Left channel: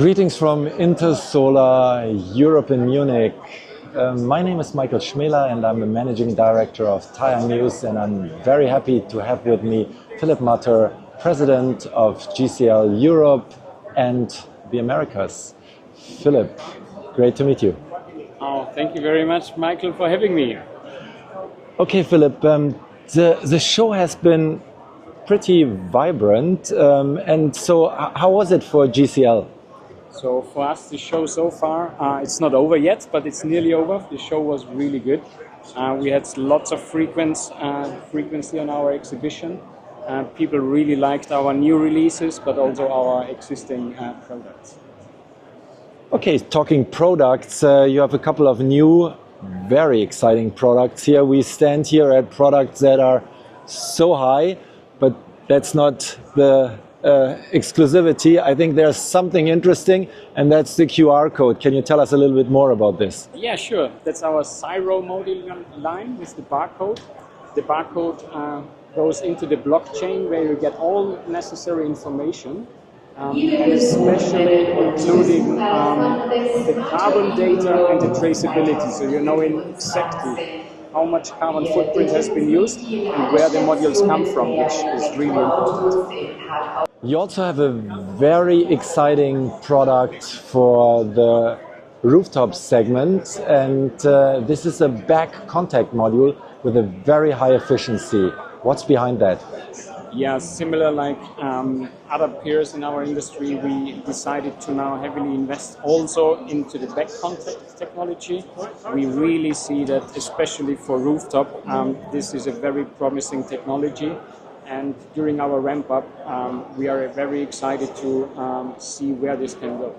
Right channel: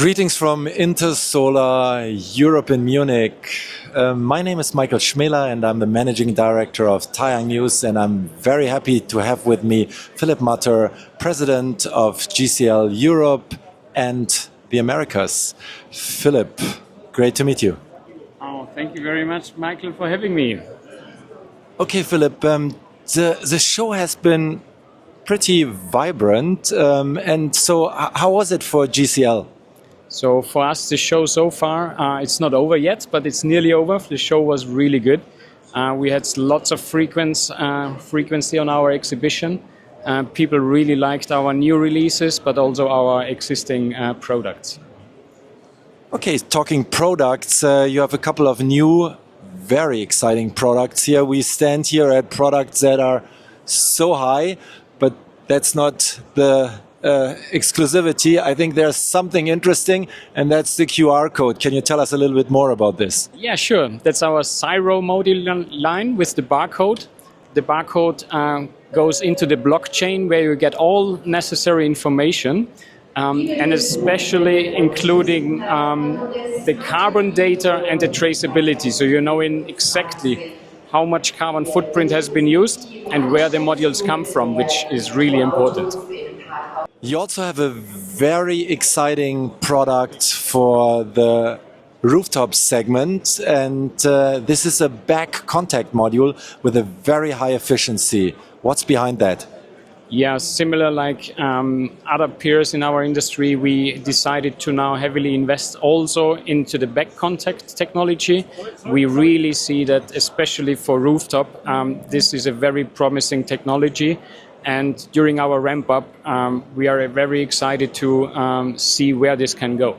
Greetings from Intersolar Europe in Munich. My name is Michael Schmeler and I'm the Managing Director of TaiyangNews, and I'm very happy to have with me Philipp Matter, President of GCL Europe and the Americas. Philipp, great to meet you. Oh, thank you very much, Michael, for having me. Okay, Philipp, the show has been pretty vibrant, and so how was it for GCL? So for us, the show so far, it's not over yet, but it's nearly over. The show was really good. We had lots of frequency on our exhibition. People really liked our new releases, but also our existing products. Okay, talking products, you have a couple of new, very exciting products here. We stand here at products that are so high, but that's not the exclusivity. I think there's something interesting, and that's the QR code. Can you tell us a little bit more about this? Yeah, sure. That's our Cyro module line with the barcode. The barcode goes into the blockchain where you get all necessary information, and especially including the carbon data and the traceability. So you know exactly how much carbon footprint has been used and where the modules come from, which is really important. You also have a very exciting product for the rooftop segment, and this is a back contact module with a very high efficiency. What's behind that? Yeah, similar like other peers in our industry, we decided to now heavily invest also into the back contact technology. We really see that, especially for rooftop, this is a very promising technology. And during our ramp up, we are very excited to see where this can go.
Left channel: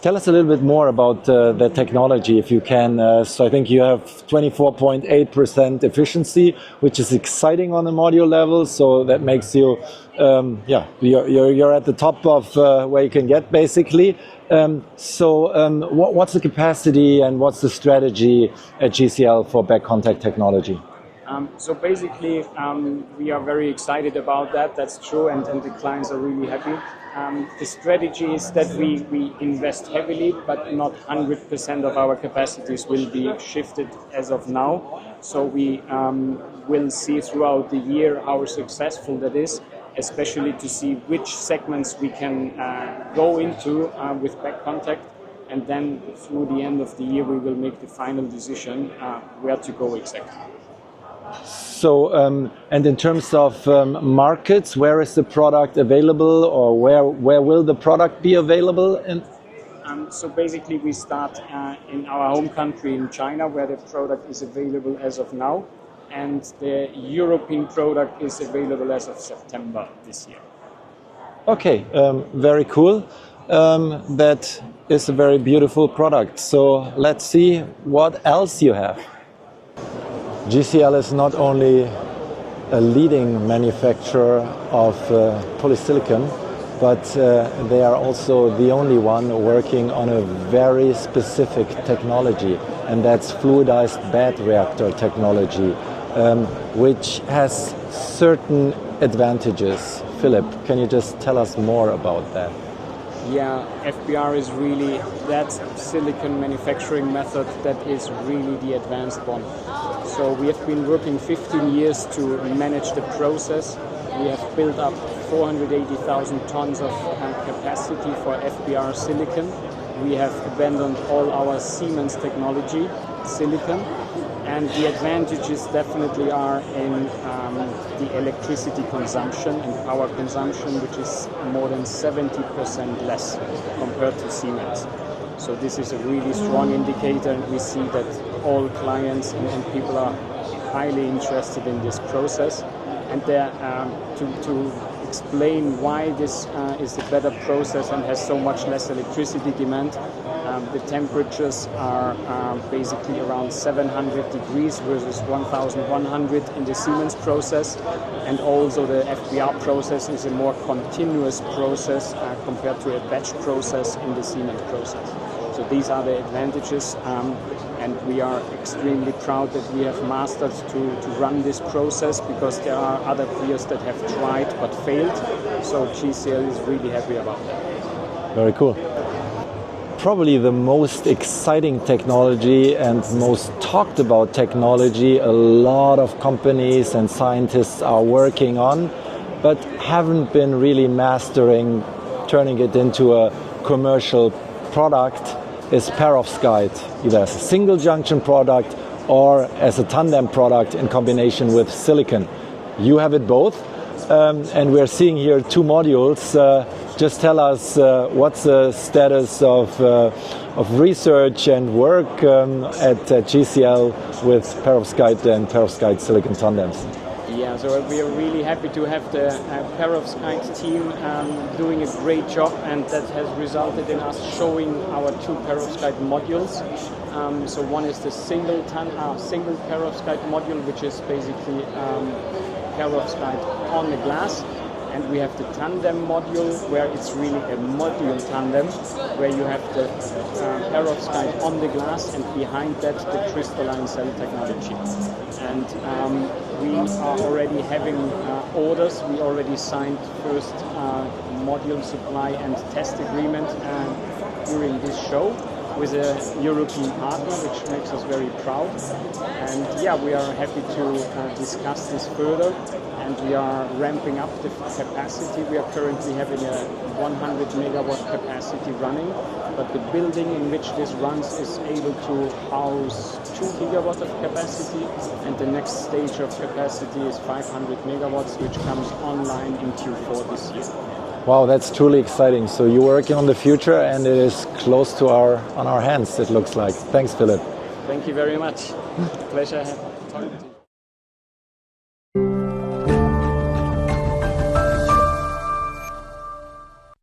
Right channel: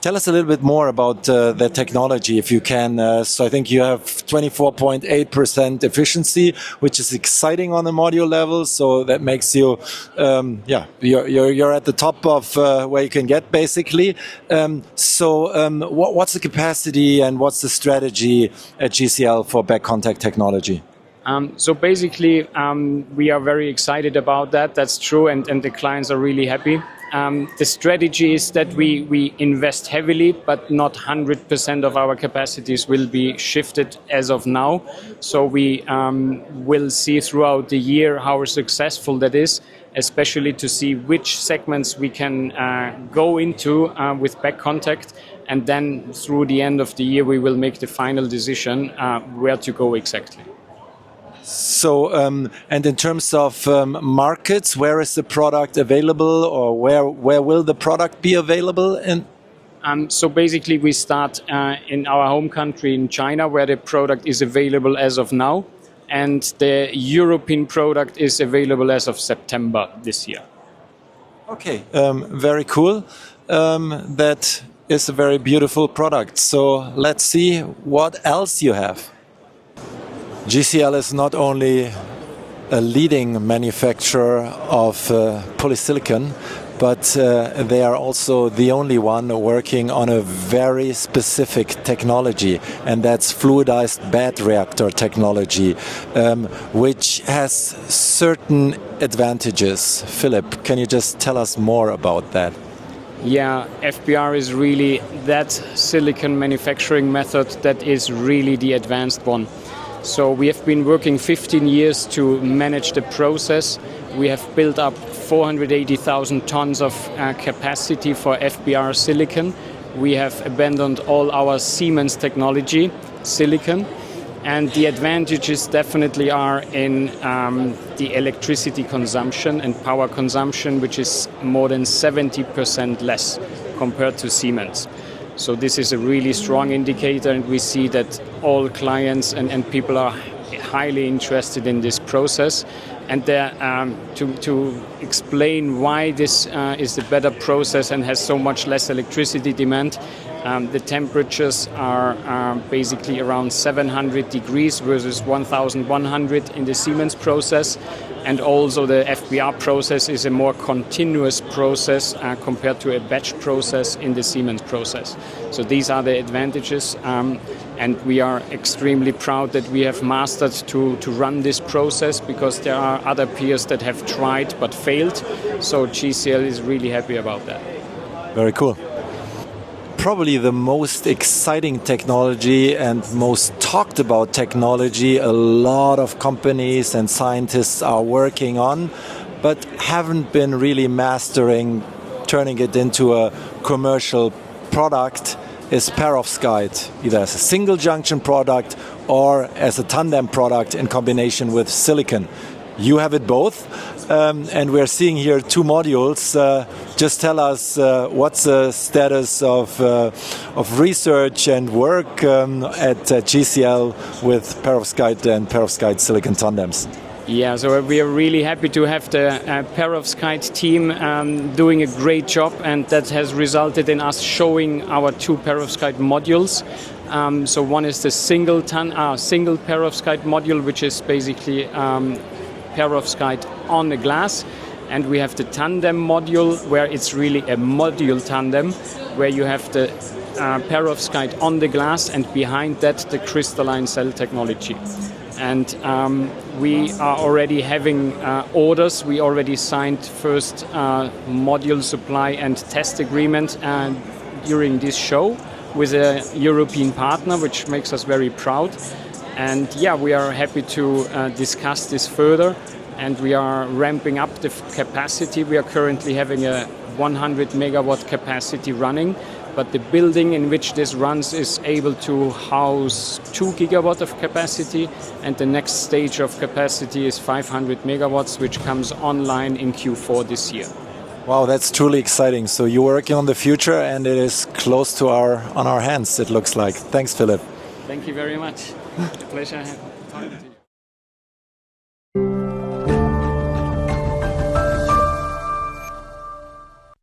Tell us a little bit more about the technology, if you can. So I think you have 24.8% efficiency, which is exciting on the module level. So that makes you, you're at the top of where you can get, basically. What's the capacity and what's the strategy at GCL for back contact technology? So basically, we are very excited about that. That's true, and the clients are really happy. The strategy is that we invest heavily, but not 100% of our capacities will be shifted as of now. So we will see throughout the year how successful that is, especially to see which segments we can go into with back contact. And then through the end of the year, we will make the final decision where to go exactly. So, and in terms of markets, where is the product available, or where will the product be available in? So basically we start in our home country in China, where the product is available as of now, and the European product is available as of September this year. Okay, very cool. That is a very beautiful product. So let's see what else you have. GCL is not only a leading manufacturer of polysilicon, but they are also the only one working on a very specific technology, and that's fluidized bed reactor technology, which has certain advantages. Philipp, can you just tell us more about that? Yeah, FBR is really that silicon manufacturing method that is really the advanced one. So we have been working 15 years to manage the process. We have built up 480,000 tons of capacity for FBR silicon. We have abandoned all our Siemens technology, silicon. And the advantages definitely are in the electricity consumption and power consumption, which is more than 70% less compared to Siemens. So this is a really strong indicator, and we see that all clients and people are highly interested in this process. And to explain why this is the better process and has so much less electricity demand, the temperatures are basically around 700 degrees versus 1100 in the Siemens process. And also the FBR process is a more continuous process compared to a batch process in the Siemens process. So these are the advantages. And we are extremely proud that we have mastered to run this process, because there are other peers that have tried but failed. So GCL is really happy about that. Very cool. Probably the most exciting technology and most talked about technology a lot of companies and scientists are working on, but haven't been really mastering turning it into a commercial product is perovskite, either as a single junction product or as a tandem product in combination with silicon. You have it both, and we're seeing here two modules. Just tell us what's the status of research and work at GCL with perovskite and perovskite-silicon tandems. Yeah, so we are really happy to have the perovskite team doing a great job, and that has resulted in us showing our two perovskite modules. So one is the single perovskite module, which is basically perovskite on the glass, and we have the tandem module, where it's really a module tandem, where you have the perovskite on the glass and behind that the crystalline cell technology. And we are already having orders. We already signed first module supply and test agreement during this show with a European partner, which makes us very proud. And yeah, we are happy to discuss this further, and we are ramping up the capacity. We are currently having a 100 megawatt capacity running, but the building in which this runs is able to house 2 gigawatt of capacity, and the next stage of capacity is 500 megawatts, which comes online in Q4 this year. Wow, that's truly exciting. So you're working on the future, and it is close to on our hands, it looks like. Thanks, Philipp. Thank you very much. Pleasure.